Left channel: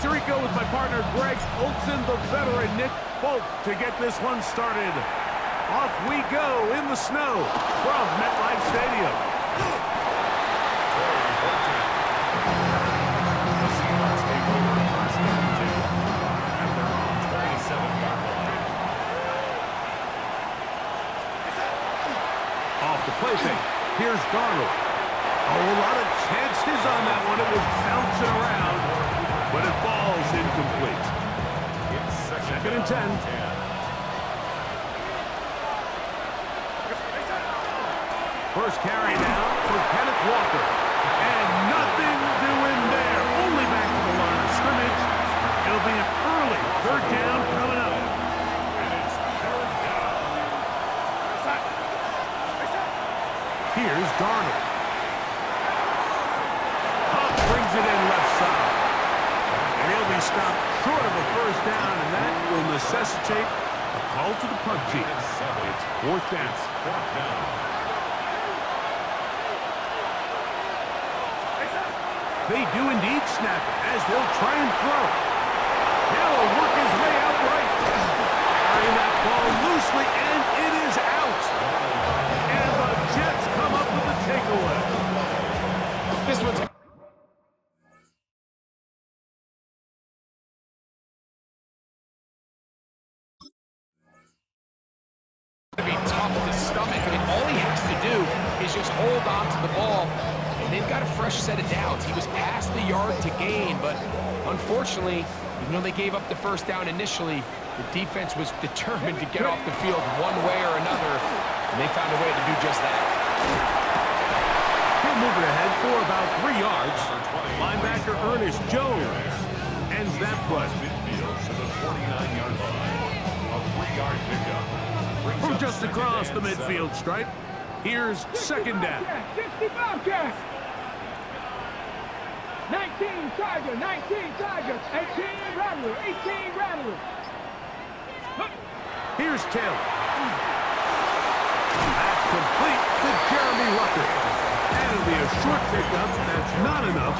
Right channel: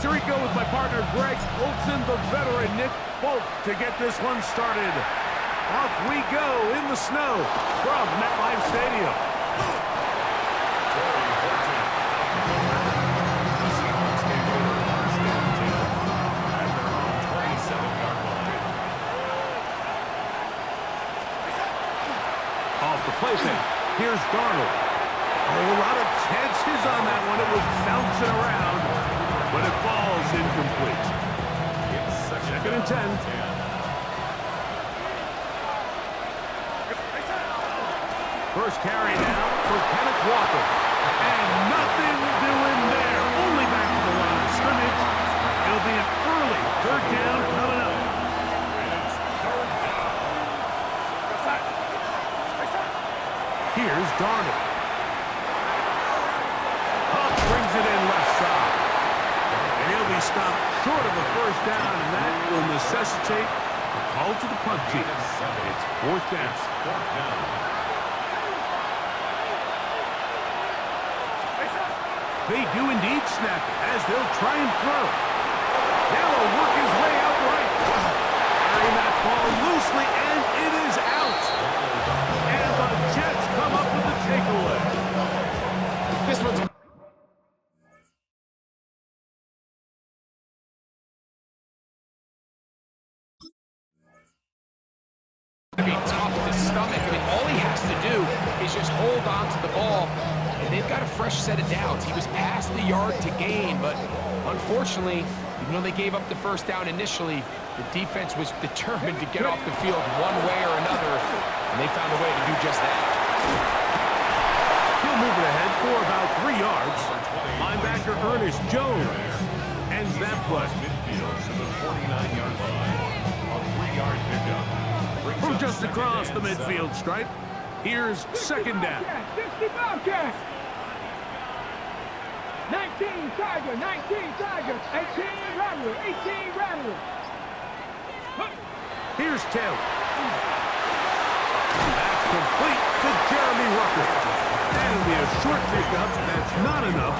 Here we go with my partner Greg Olson, the veteran Nick Folk to get this one started. Off we go in the snow from MetLife Stadium. The Seahawks take over first and 10 at their own 27-yard line. Off the play fake. Here's Darnold. Oh, a lot of chances on that one. It was bouncing around, but it falls incomplete. Second and 10. First carry now for Kenneth Walker. And nothing doing there. Only back to the line of scrimmage. It'll be an early third down coming up. And it's third down. Here's Darnold. Huff brings it in left side. And he'll be stopped short of a first down, and that will necessitate a call to the punt team. It's fourth down. They do indeed snap it as they'll try and throw. Now he'll work his way out right. Carrying that ball loosely, and it is out. And the Jets come up with the takeaway. This one's to be tough to stomach. I mean, all he has to do is just hold on to the ball, and they've got a fresh set of downs. He was past the yard to gain, but unfortunately, even though they gave up the first down initially, the defense was determined to get off the field one way or another, and they found a way to do just that. He'll move it ahead for about 3 yards. Linebacker Ernest Jones ends that play. Midfield to the 49-yard line. A 3-yard pickup. From just across the midfield stripe, here's second down. 60 Bobcats. 19 Tiger, 19 Tiger, 18 Rattler, 18 Rattler. Here's Taylor. That's complete to Jeremy Rucker. And it'll be a short pickup. That's not enough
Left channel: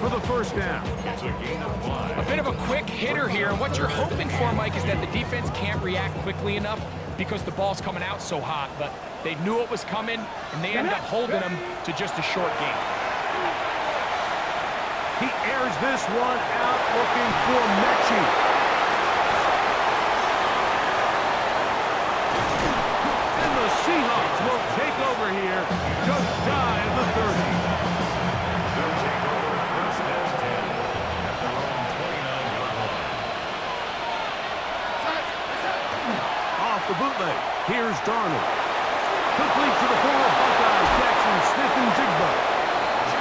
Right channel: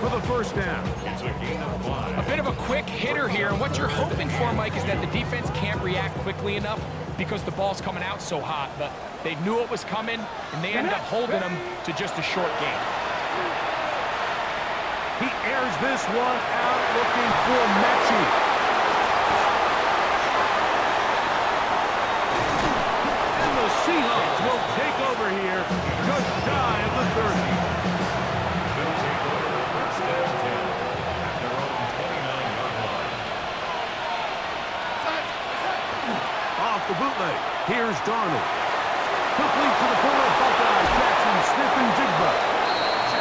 for the first down. It's a gain of 5. A bit of a quick hitter here, and what you're hoping for, Mike, is that the defense can't react quickly enough because the ball's coming out so hot, but they knew it was coming, and they end up holding them to just a short gain. He airs this one out looking for Mechie. And the Seahawks will take over here just shy of the 30. They'll take over first and 10 at their own 29-yard line. Off the bootleg, here's Darnold. Complete to the former Buckeye, Jackson Smith-Njigba.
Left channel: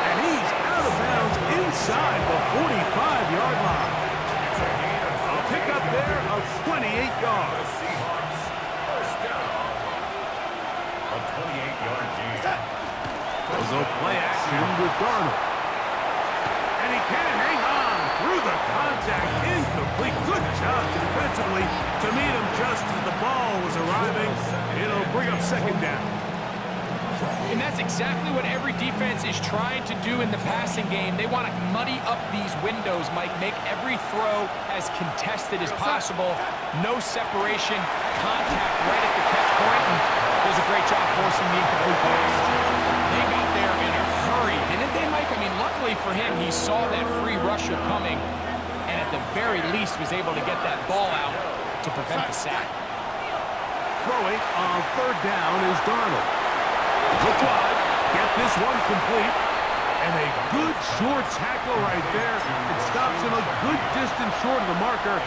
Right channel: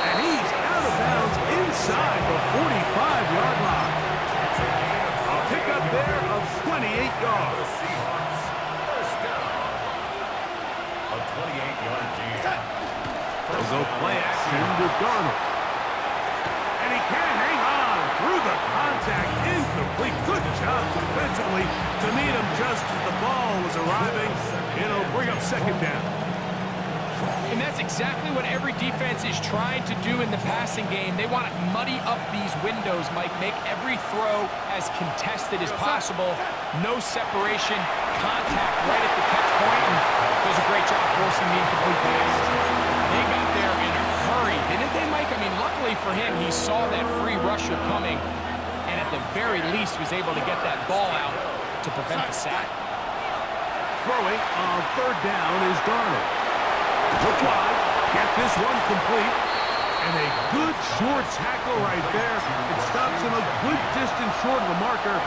And he's out of bounds inside the 45-yard line. It's a gain of A pickup there of 28 yards. the Seahawks. First down. A 28-yard gain. They'll go play action with Darnold. And he can't hang on through the contact. Incomplete. Good job defensively to meet him just as the ball was arriving. It'll bring up second down. And that's exactly what every defense is trying to do in the passing game. They want to muddy up these windows, Mike, make every throw as contested as possible. No separation, contact right at the catch point, and does a great job forcing the incomplete pass. They got there in a hurry, didn't they, Mike? I mean, luckily for him, he saw that free rusher coming, and at the very least was able to get that ball out to prevent the sack. Throwing on third down is Darnold. Look wide, get this one complete, and a good short tackle right there. It stops him a good distance short of the marker.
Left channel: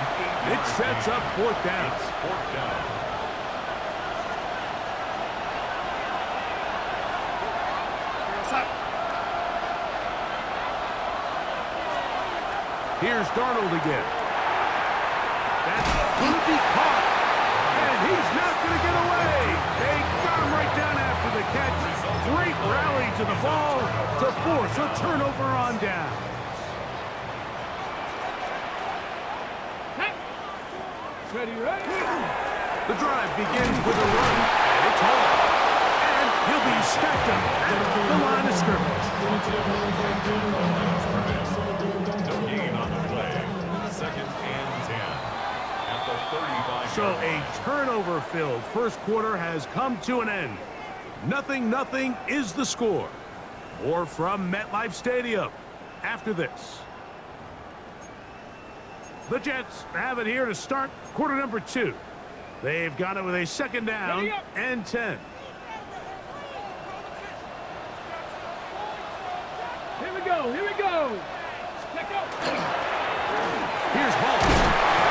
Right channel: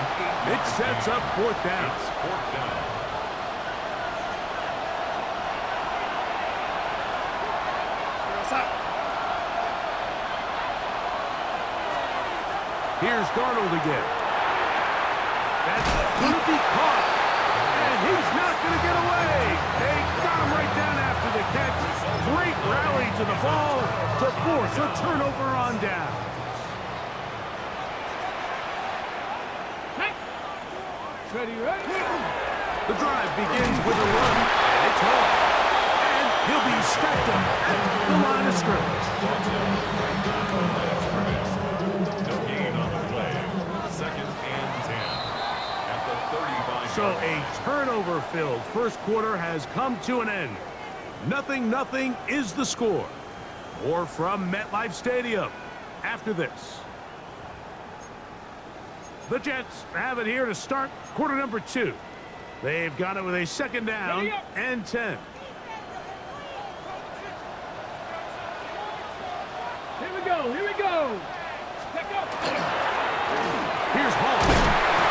It sets up fourth down. It's fourth down. Here's Darnold again. That's going to be caught, and he's not going to get away. They got him right down after the catch. Great rally to the ball to force a turnover on down. Ready, ready. The drive begins with a run, and it's all. And he'll be stacked up at the line of scrimmage. No gain on the play. So a turnover-filled first quarter has come to an end. 0-0 is the score. More from MetLife Stadium after this. The Jets have it here to start quarter number 2. They've got it with a second down and 10. Here we go. Here we go. Check out. Here's Hall.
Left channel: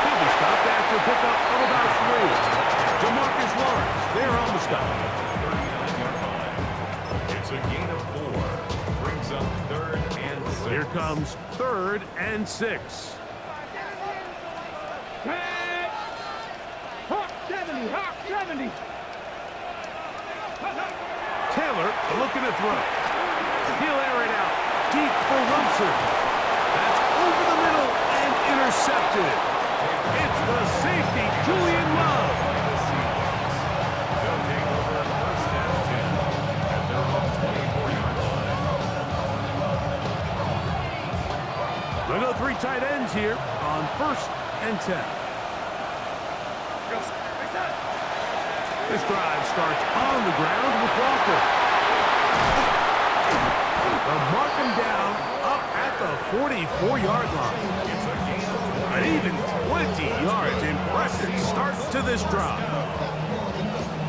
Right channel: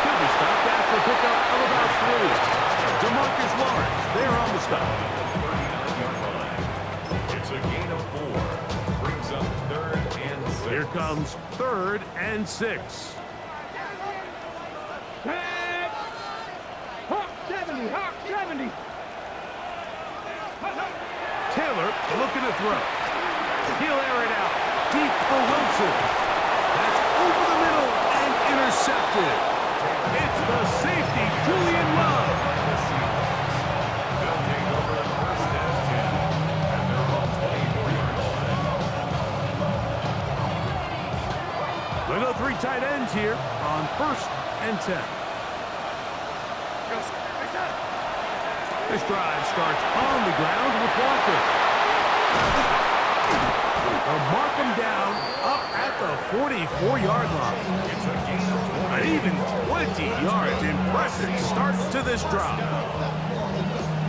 He'll be stopped after a pickup of about 3. Jamarcus Lawrence there on the stop. 39-yard line. It's a gain of 4. Brings up 3rd and 6. Here comes 3rd and 6. Tag. Hawk 70. Hawk 70. Taylor looking to throw. He'll air it out deep for Wilson. That's over the middle and intercepted. It's the safety, Julian Love. They'll take over 1st and 10 at their own 24-yard line. We'll go 3 tight ends here on 1st and 10. This drive starts on the ground with Walker. They'll mark him down up at the 44-yard line. It's a gain of 20. An even 20 yards. Impressive start to this drive.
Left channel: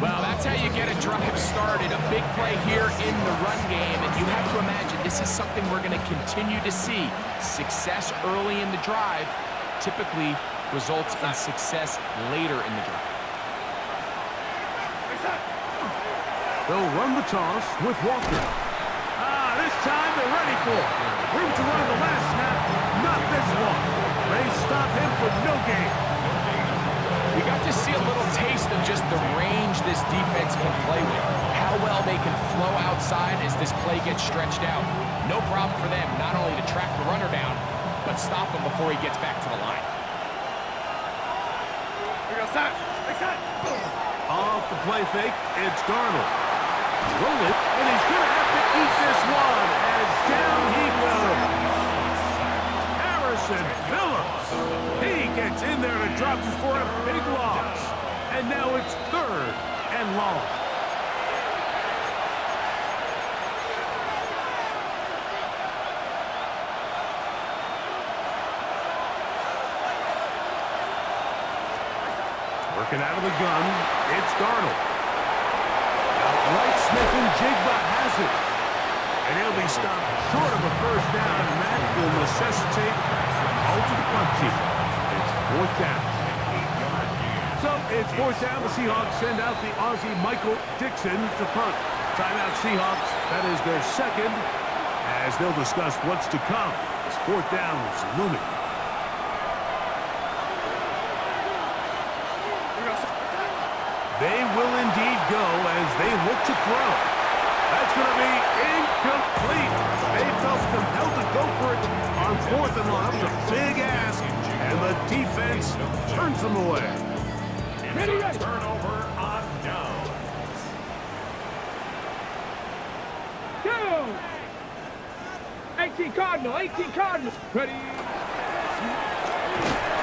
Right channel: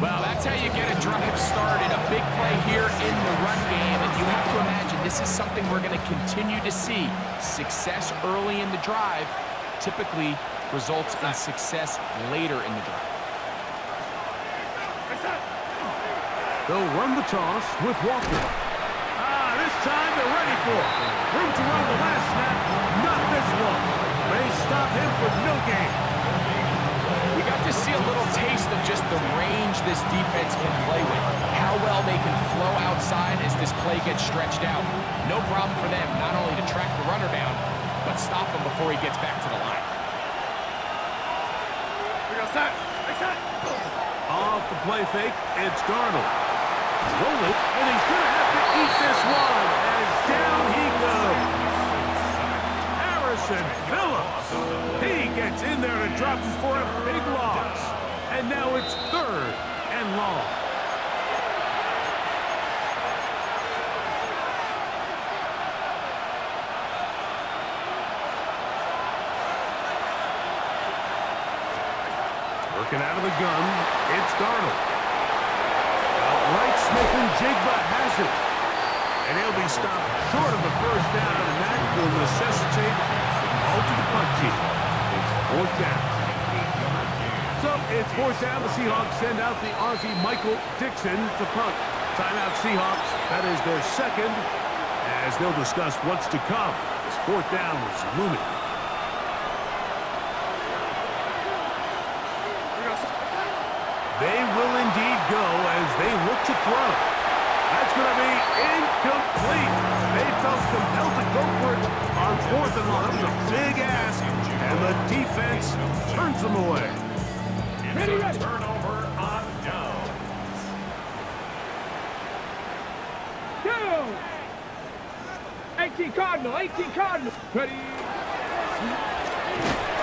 Well, that's how you get a drive started. A big play here in the run game. And you have to imagine this is something we're going to continue to see. Success early in the drive typically results in success later in the drive. They'll run the toss with Walker. This time they're ready for it. Room to run the last snap. Not this one. They stop him for no gain. We got to see a little taste of just the range this defense can play with. How well they can flow outside as this play gets stretched out. No problem for them not only to track the runner down, but stop him before he gets back to the line. Off the play fake, it's Darnold. Roll it, and he's going to have to eat this one as down he goes. Harrison Phillips. He gets in there to drop him for a big loss. And now it's 3rd and long. Working out of the gun, it's Darnold. Outright Smith and Jigba has it. And he'll be stopped short of a first down, and that will necessitate the call to the punt team. It's 4th down. So it's 4th down. The Seahawks send out the Aussie Michael Dixon to punt. Timeout Seahawks. That is their 2nd, as they'll discuss what's to come. This 4th down is looming. They will indeed go as they look to throw. That's going to be incomplete. They felt compelled to go for it on 4th and long. That was a big ask, and the defense turns them away. It's a turnover on downs. Down. 18 Cardinal. 18 Cardinal. Ready.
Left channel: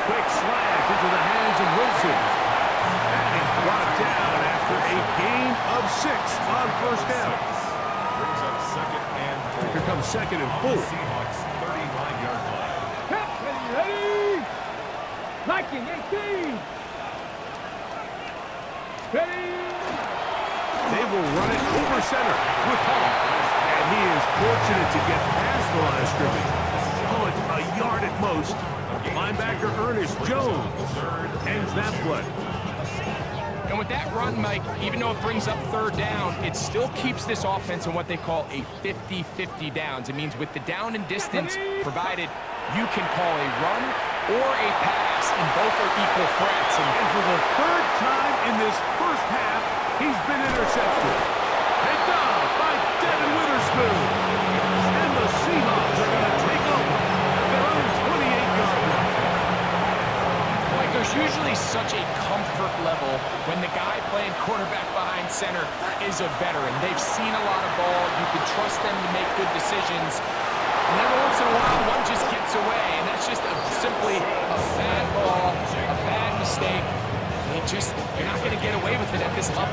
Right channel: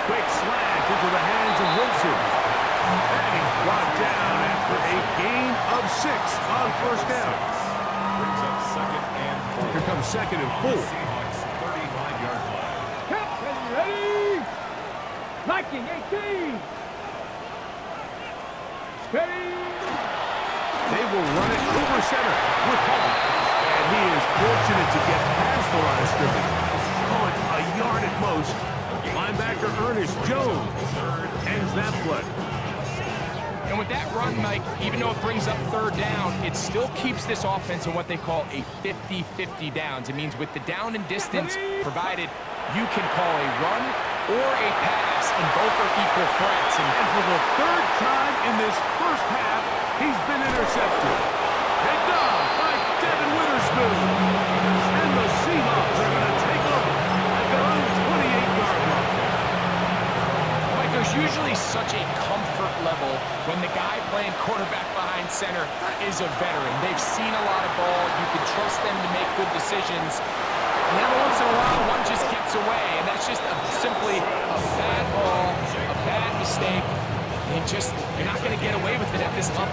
Quick slant into the hands of Wilson. And he's brought down after a gain of 6 on 1st down. Brings up 2nd and 4. Here comes 2nd and 4. Seahawks 35-yard line. Ready. Viking 18. Ready. They will run it over center with Hall. And he is fortunate to get past the line of scrimmage. Call it a yard at most. Linebacker Ernest Jones ends that play. And with that run, Mike, even though it brings up 3rd down, it still keeps this offense in what they call a 50-50 downs. It means with the down and distance provided, you can call a run or a pass, and both are equal threats. And for the 3rd time in this first half, he's been intercepted. Picked off by Devin Witherspoon. And the Seahawks are going to take over at their own 28-yard line. There's usually such a comfort level when the guy playing quarterback behind center is a veteran. They've seen a lot of ball. You can trust them to make good decisions. And every once in a while, one just gets away, and that's just simply a bad ball, a bad mistake. And you're not going to get away with it at this level.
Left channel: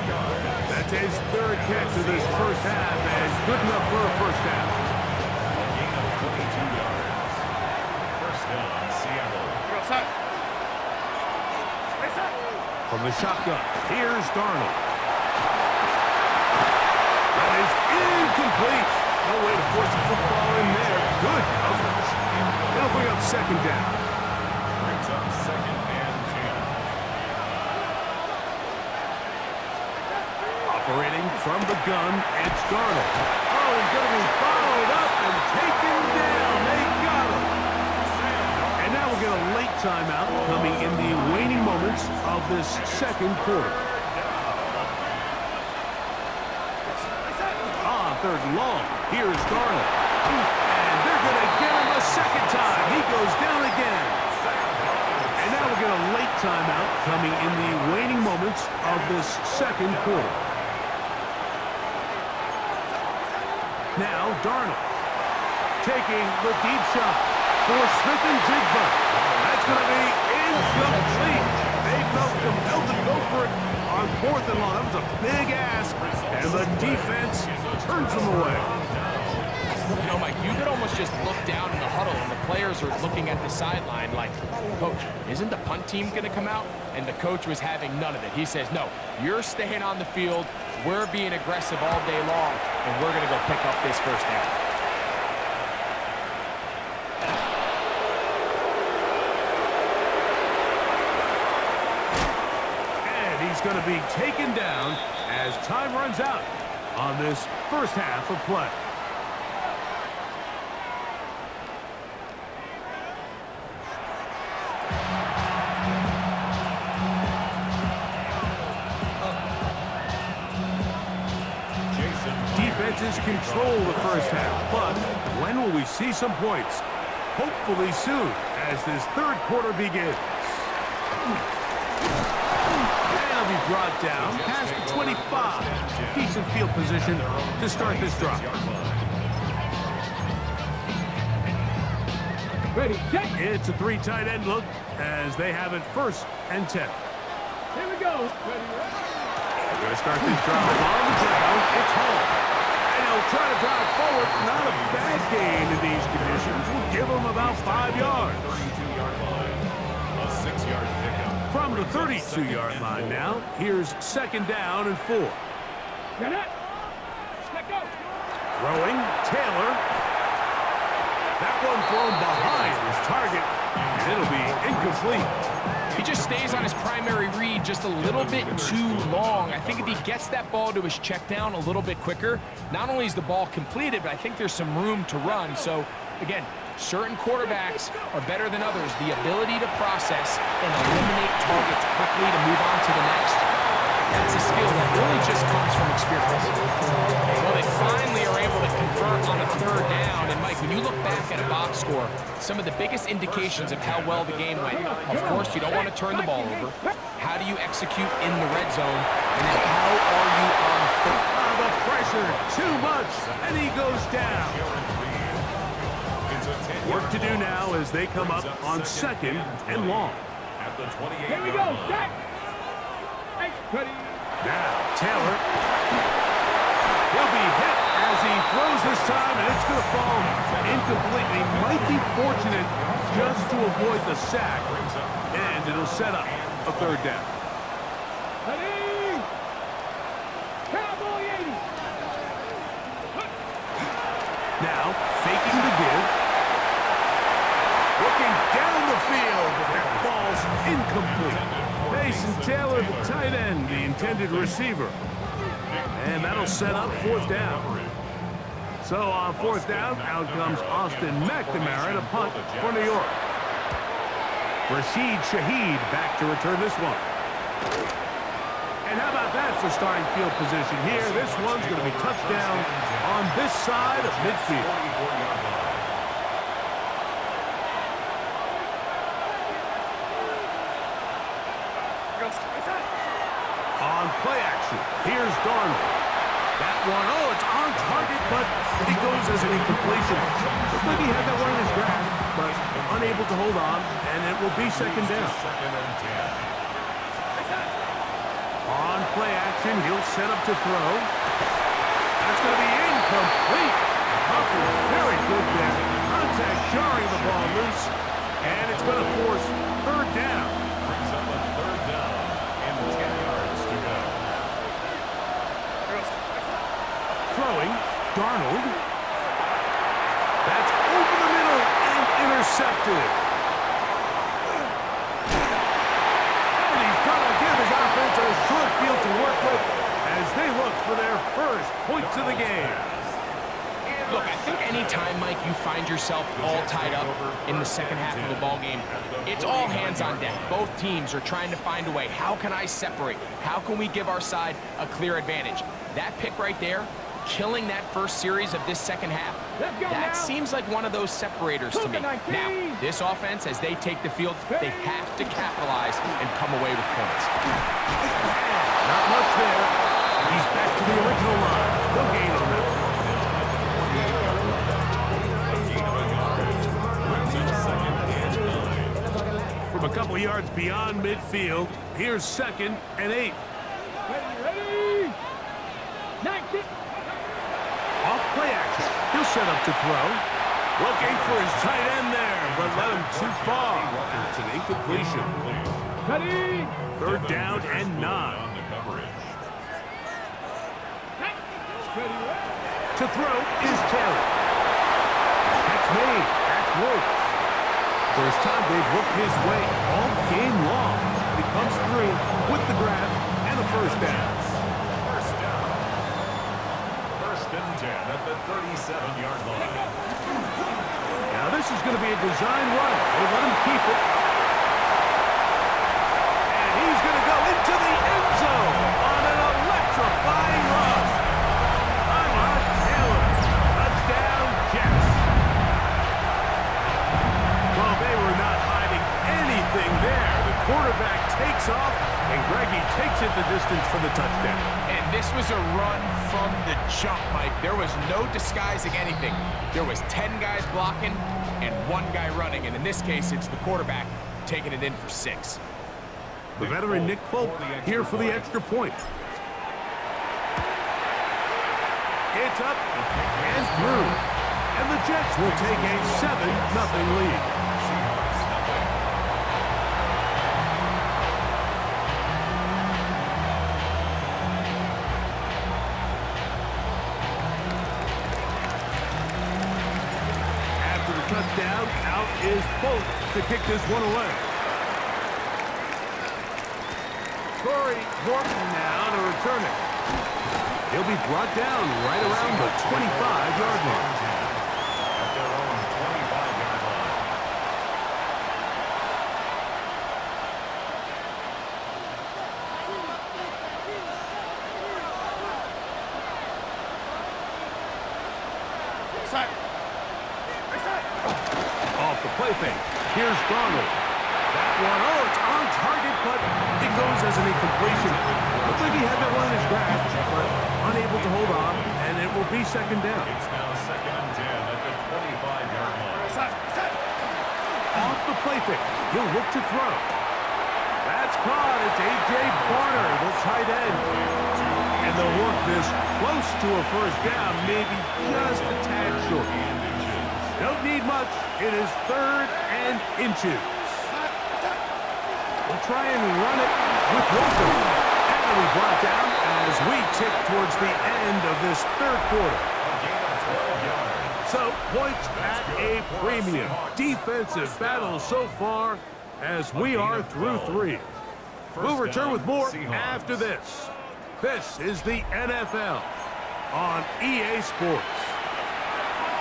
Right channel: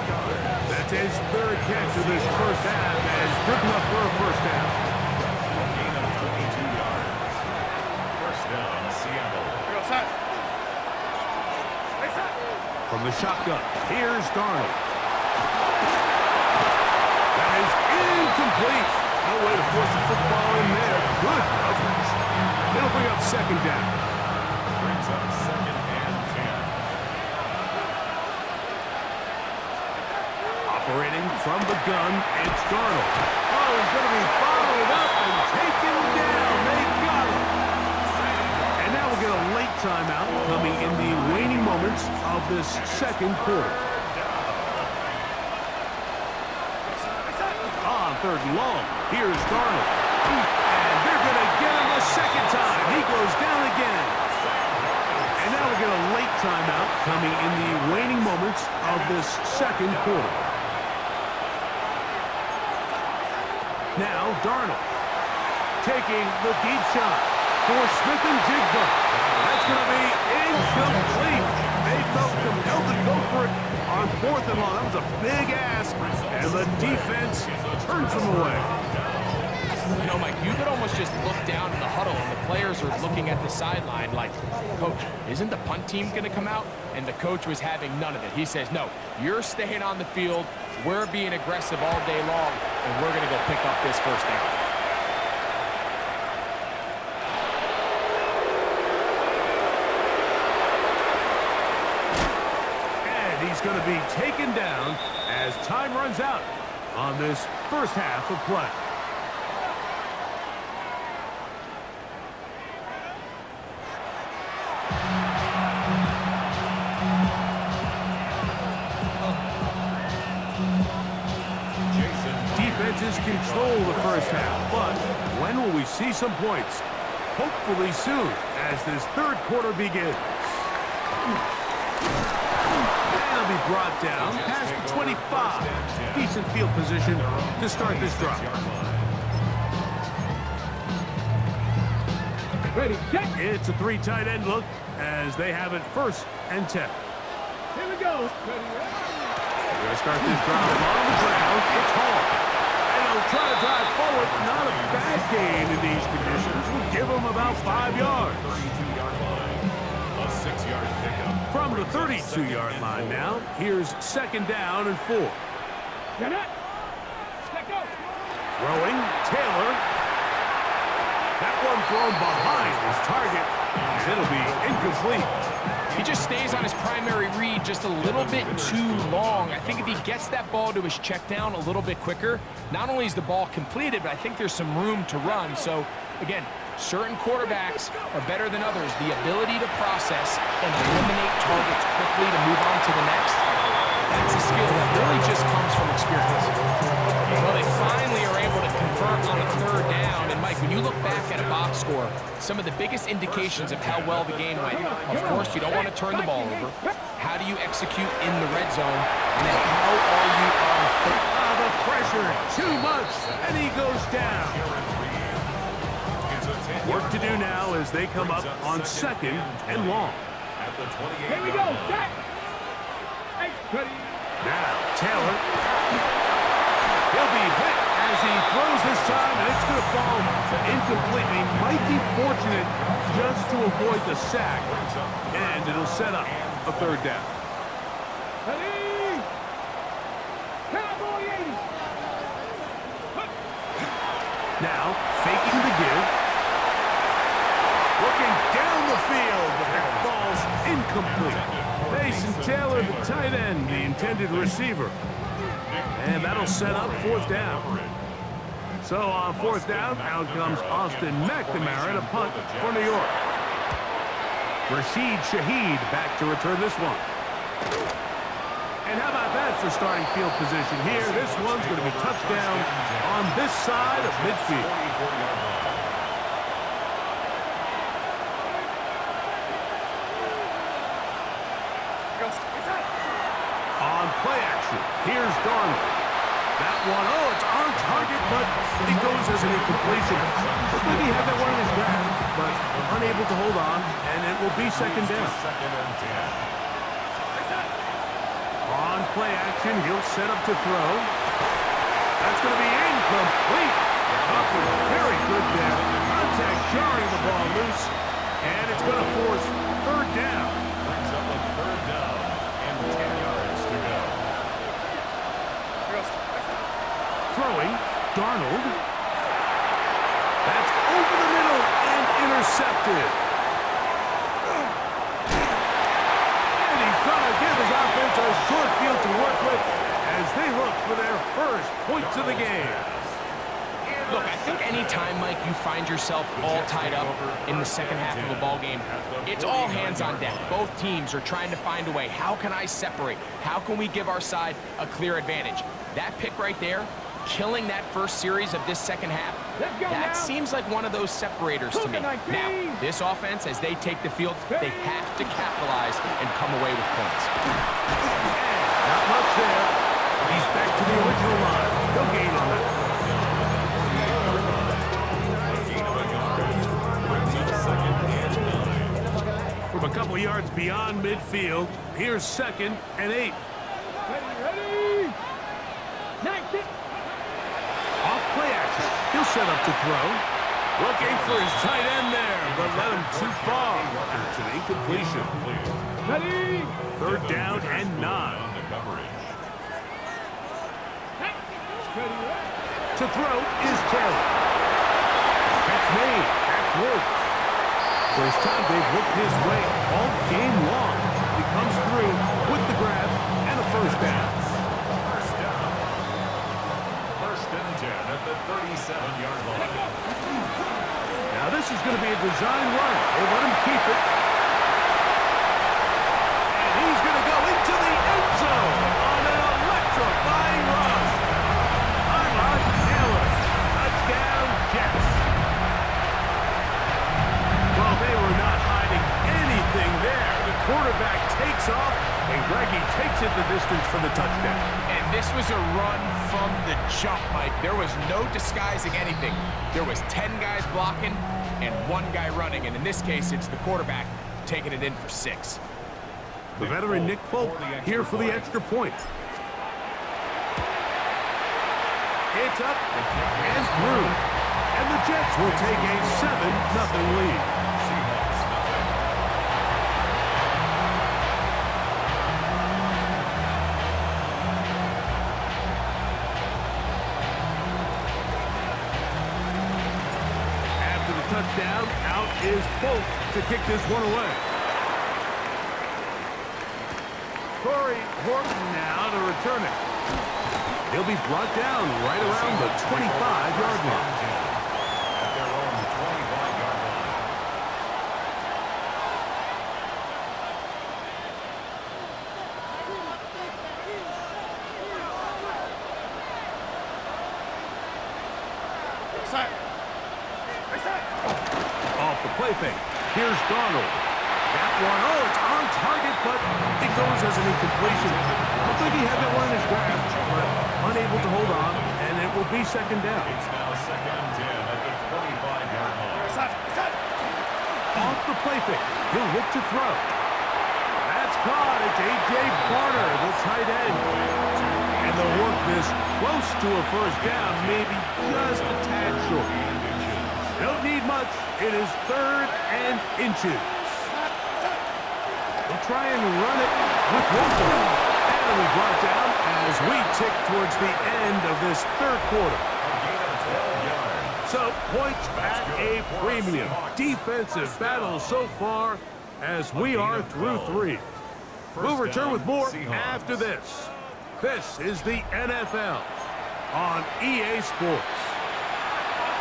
That's his third catch of this first half, and good enough for a first down. A gain of 22 yards. First down, Seattle. From the shotgun, here's Darnold. That is incomplete. No way to force the football in there. Good coverage. It'll bring up second down. Brings up second and 10. Operating from the gun, it's Darnold. Oh, he's going to be followed up and taken down. They got him. And now we'll get a late timeout coming in the waning moments of this second quarter. On third and long, here's Darnold. And they're going to get him a second time. He goes down again. And now we'll get a late timeout coming in the waning moments of this second quarter. Now Darnold taking the deep shot for Smith and Jigba. That's going to be incomplete. They felt compelled to go for it on fourth and long. That was a big ask, and the defense turns them away. You know, Mike, you could almost just look down in the huddle, and the players are looking at the sideline like, Coach, isn't the punt team going to come out? And the coach was having none of it. He says, no, you're staying on the field. We're being aggressive all day long, and we're going to go pick up this first down. He's going to be taken down as time runs out on this first half of play. Defenses control the first half, but when will we see some points? Hopefully soon as this third quarter begins. Be brought down past the 25. Decent field position to start this drive. Ready, check. It's a three tight end look as they have it first and 10. Here we go. Ready. They're going to start this drive on the ground. It's Hall. And he'll try to drive forward. Not a bad gain in these conditions. We'll give him about 5 yards. 32-yard line. A 6-yard pickup. From the 32-yard line now, here's second down and 4. Get it. Let go. Throwing, Taylor. That one thrown behind his target, and it'll be incomplete. He just stays on his primary read just a little bit too long. I think if he gets that ball to his check down a little bit quicker, not only is the ball completed, but I think there's some room to run. So, again, certain quarterbacks are better than others. The ability to process and eliminate targets quickly to move on to the next, that's a skill that really just comes from experience. Well, they finally are able to convert on a third down. And, Mike, when you look back at a box score, some of the biggest indications of how well the game went, of course, you don't want to turn the ball over. How do you execute in the red zone? And then how are you on third? The pressure, too much, and he goes down. Work to do now as they come up on second and long. At the 28-yard Here we go. line. Jack. Hey, ready. Now, Taylor. He'll be hit as he throws this time, and it's going to fall incomplete. He might be fortunate just to avoid the sack, and it'll set up a third down. Ready. Cowboy 80. Now, faking the give. Looking down the field, but that falls incomplete. Mason Taylor, the tight end, the intended receiver. And that'll set up fourth down. So on fourth down, out comes Austin McNamara to punt for New York. Rashid Shaheed back to return this one. And how about that for starting field position here? This one's going to be touchdown on this side of midfield. On play action, here's Darnold. That one, oh, it's on target, but it goes as an incompletion. Looks like he had that one in his grasp, but unable to hold on, and it will be second down. Second and 10. On play action, he'll set up to throw. That's going to be incomplete. Humphrey, very good there. Contact jarring the ball loose, and it's going to force third down. Brings up a third down and 10 yards to go. Throwing, Darnold. That's over the middle and intercepted. And he's going to give his offense a short field to work with as they look for their first points of the game. Look, I think any time, Mike, you find yourself all tied up in the second half of a ball game, it's all hands on deck. Both teams are trying to find a way. How can I separate? How can we give our side a clear advantage? That pick right there, killing that first series of this second half, that seems like one of those separators to me. Now, this offense, as they take the field, they have to capitalize and come away with points. And not much there. He's back to the original line. No gain on that. From a couple yards beyond midfield, here's second and 8. Ready. 19. Off play action. He'll set up to throw. Looking for his tight end there, but led him too far. It's an incompletion. Ready. Third down and 9. On the coverage. Ready. To throw is Taylor. That's made. That's Woods. First time they've looked his way all game long. He comes through with the grab and a first down. First down. First and 10 at the 37-yard line. Now this is going to be a design run. They let him keep it. And he's going to go into the end zone on an electrifying run. Tyrod Taylor. Touchdown, Jets. Well, they were not hiding anything there. The quarterback takes off, and Greggy takes it the distance for the touchdown. And this was a run from the jump, Mike. There was no disguising anything. There was 10 guys blocking and 1 guy running, and in this case, it's the quarterback taking it in for 6. The veteran Nick Folk here for the extra point. It's up and through. And the Jets will take a 7-0 lead. Seahawks nothing. After the touchdown, out is Folk to kick this one away. Torrey Horton now to return it. He'll be brought down right around the 25-yard line. At their own 25-yard line. Off the play fake. Here's Darnold. That one, oh, it's on target, but it goes as an incompletion. Looks like he had that one in his grasp, but unable to hold on, and it will be second down. It's now second and 10 at the 25-yard line. Off the play fake. He'll look to throw. That's caught. It's A.J. Barner, the tight end. And they'll work this close to a first down, maybe just a tad short. They don't need much. It is third and inches. We'll try and run it with Walker. And it'll be brought down as we tick towards the end of this third quarter. A gain of 12 yards. So, points at a premium. Defensive battle so far as we are through 3. We'll return with more after this. This is the NFL on EA Sports.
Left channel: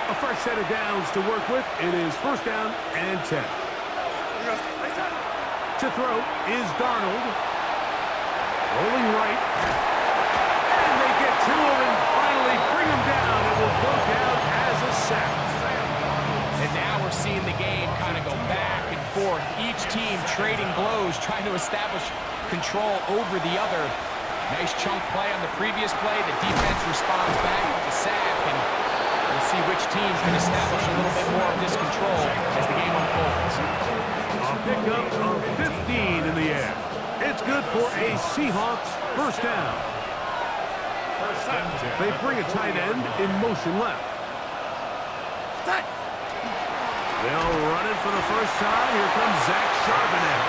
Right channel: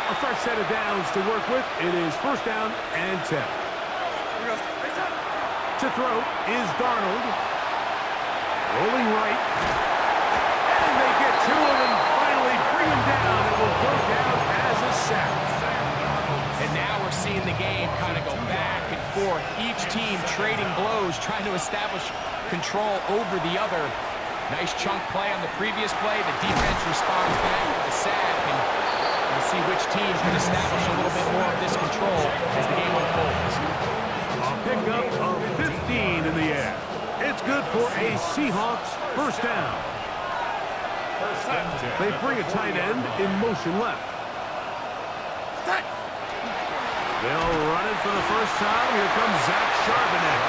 A fresh set of downs to work with. It is first down and 10. To throw is Darnold. Rolling right. And they get to him and finally bring him down. It will go down as a sack. And now we're seeing the game kind of go back and forth. Each team trading blows, trying to establish control over the other. Nice chunk play on the previous play. The defense responds back with the sack, and we'll see which team can establish a little bit more of this control as the game unfolds. A pickup of 15 in the air. It's good for a Seahawks first down. They bring a tight end in motion left. They'll run it for the first time. Here comes Zach Charbonnet.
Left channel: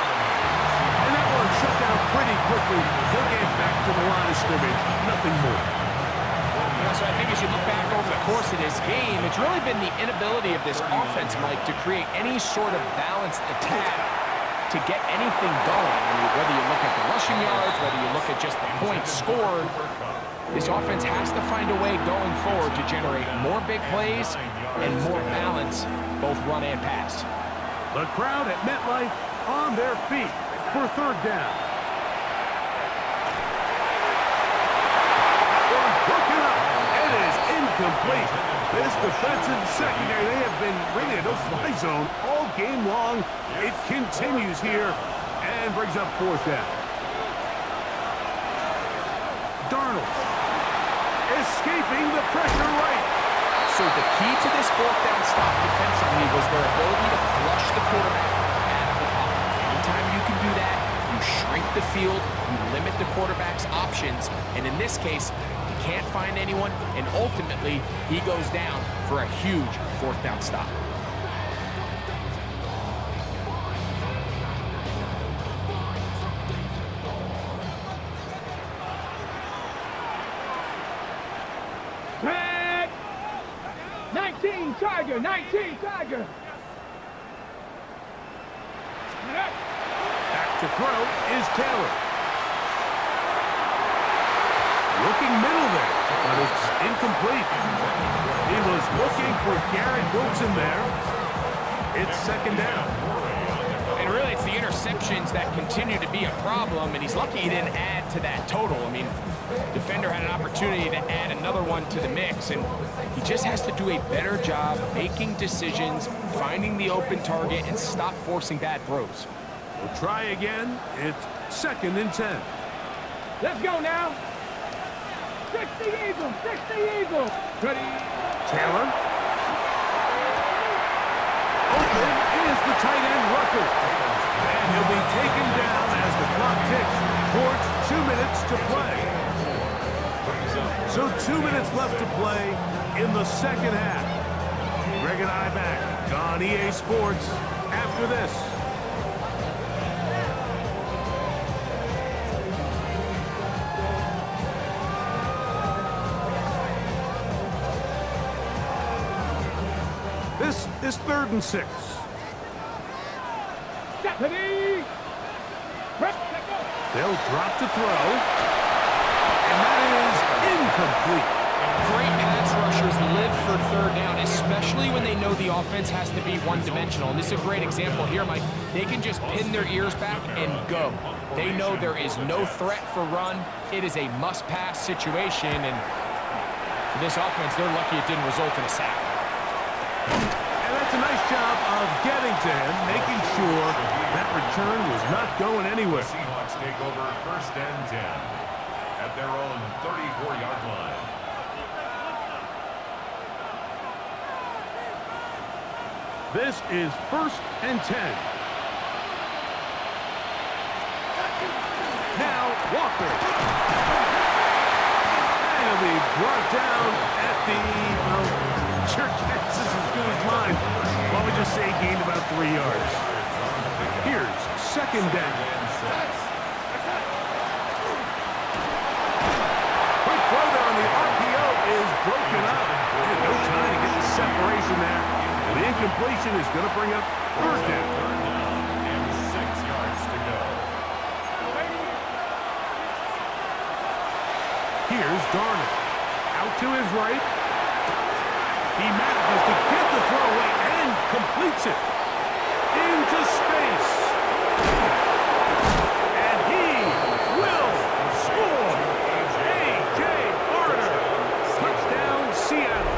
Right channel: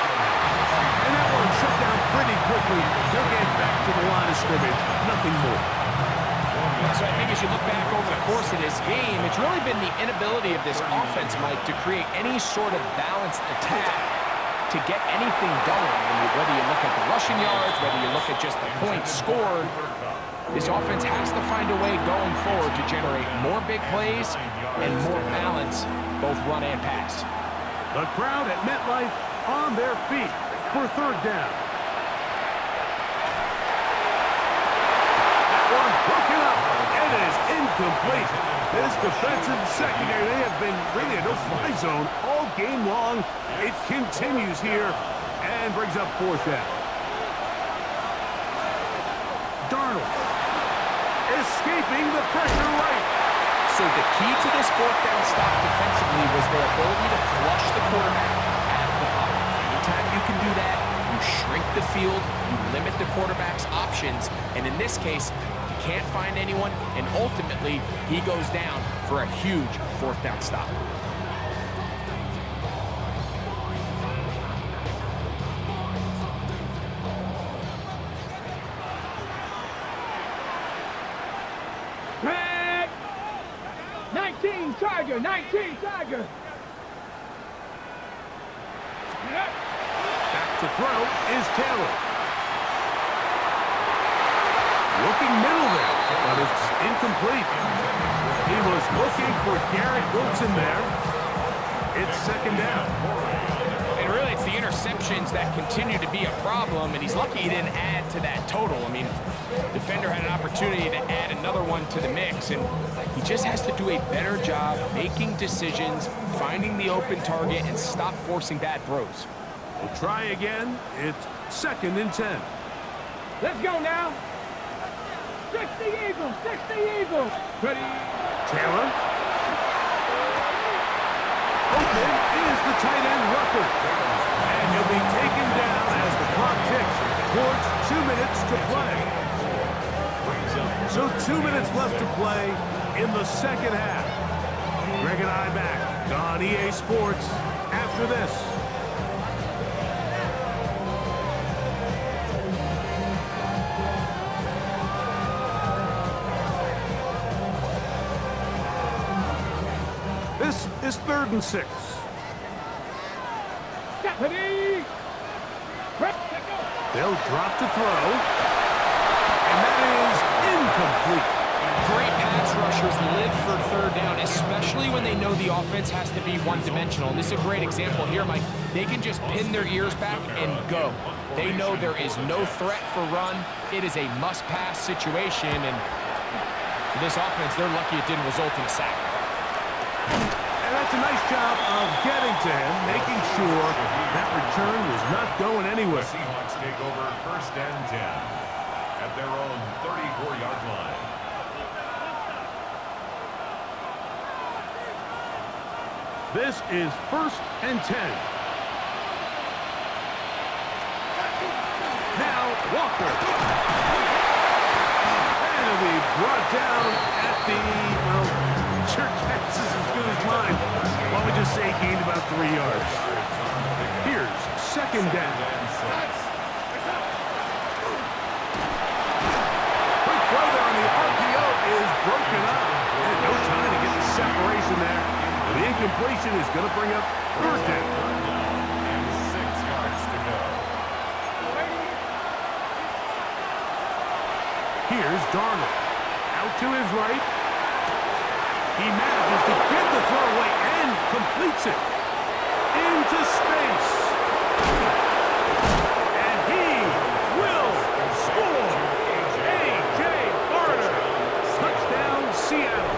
And that one shut down pretty quickly. He'll get back to the line of scrimmage. Nothing more. Yeah, so I think as you look back over the course of this game, it's really been the inability of this offense, Mike, to create any sort of balanced attack to get anything going. I mean, whether you look at the rushing yards, whether you look at just the points scored, this offense has to find a way going forward to generate more big plays and more balance, both run and pass. The crowd at MetLife on their feet for third down. That one broken up. It is incomplete. This defensive secondary, they have been really a no-fly zone all game long. It continues here and brings up fourth down. Darnold escaping the pressure right. So the key to this fourth down stop defensively was their ability to flush the quarterback out of the pocket. Anytime you can do that, you shrink the field, you limit the quarterback's options, and in this case, he can't find anyone, and ultimately, he goes down for a huge fourth down stop. Red. 19 Tiger, 19 Tiger. Back to throw is Taylor. Looking middle there, but it's incomplete. He was looking for Garrett Wilson there. It's second down. And really, it's the interceptions that continue to be a problem, and he's lucky he didn't add to that total. I mean, defender had an opportunity to add another one to the mix, and he just has to do a better job making decisions, finding the open target, and stop forcing bad throws. We'll try again. It's second and 10. Let's go now. 60 Eagles, 60 Eagles. Ready. Taylor. Open is the tight end Rucker. And he'll be taken down as the clock ticks towards 2 minutes to play. So 2 minutes left to play in the second half. Greg and I back on EA Sports after this. This is 3rd and 6. Ready. They'll drop to throw. And that is incomplete. Great pass rushers live for third down, especially when they know the offense has to be one-dimensional. And this is a great example here, Mike. They can just pin their ears back and go. They know there is no threat for run. It is a must-pass situation. And for this offense, they're lucky it didn't result in a sack. And that's a nice job of getting to him, making sure that return was not going anywhere. Seahawks take over 1st and 10 at their own 34-yard line. This is 1st and 10. Now Walker. And he'll be brought down at the, well, your guess is as good as mine. Why don't we just say he gained about 3 yards. Here's second down. Quick throw there on the RPO is broken up. And no time to get the separation there. And the incompletion is going to bring up 3rd down. And 6 yards to go. Here's Darnold. Out to his right. He manages to get the throw away and completes it. Into space. And he will score. A.J. Barner. Touchdown, Seattle.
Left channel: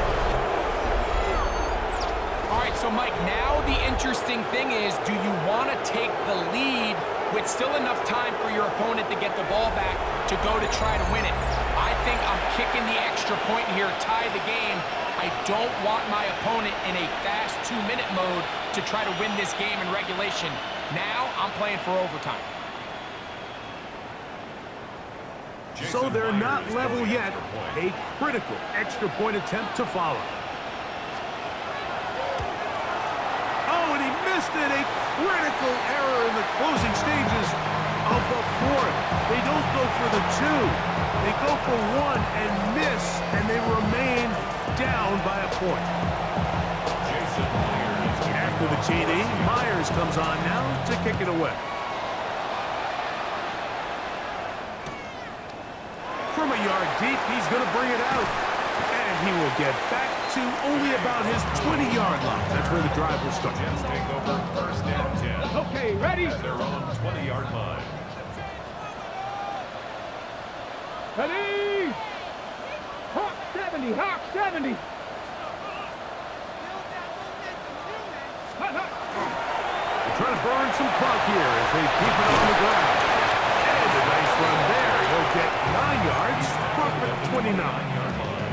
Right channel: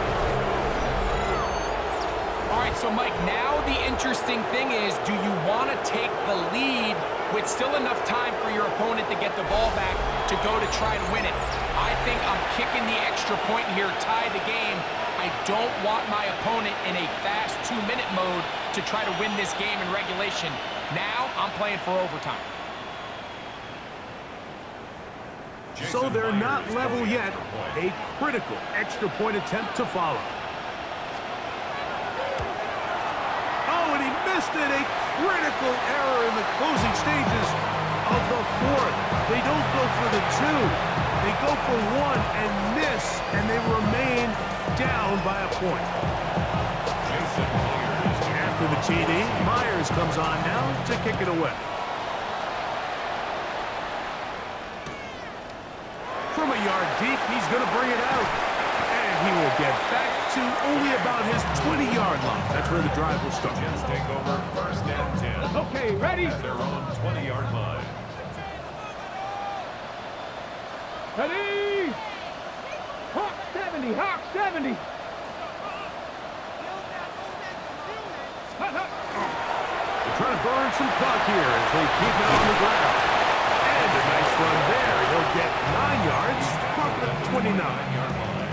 All right, so Mike, now the interesting thing is, do you want to take the lead with still enough time for your opponent to get the ball back to go to try to win it. I think I'm kicking the extra point here, tie the game. I don't want my opponent in a fast 2-minute mode to try to win this game in regulation. Now I'm playing for overtime. So they're not level yet. A critical extra point attempt to follow. Oh, and he missed it. A critical error in the closing stages of the fourth. They don't go for the 2. They go for 1 and miss, and they remain down by a point. After the TD, Myers comes on now to kick it away. From a yard deep, he's going to bring it out. And he will get back to only about his 20-yard line. That's where the drive will start. Jets take over first and 10. Okay, ready? At their own 20-yard line. Ready? Hawk 70, Hawk 70. They're trying to burn some clock here as they keep it on the ground. And a nice run there. He'll get 9 yards, marked at the 29. 9-yard line.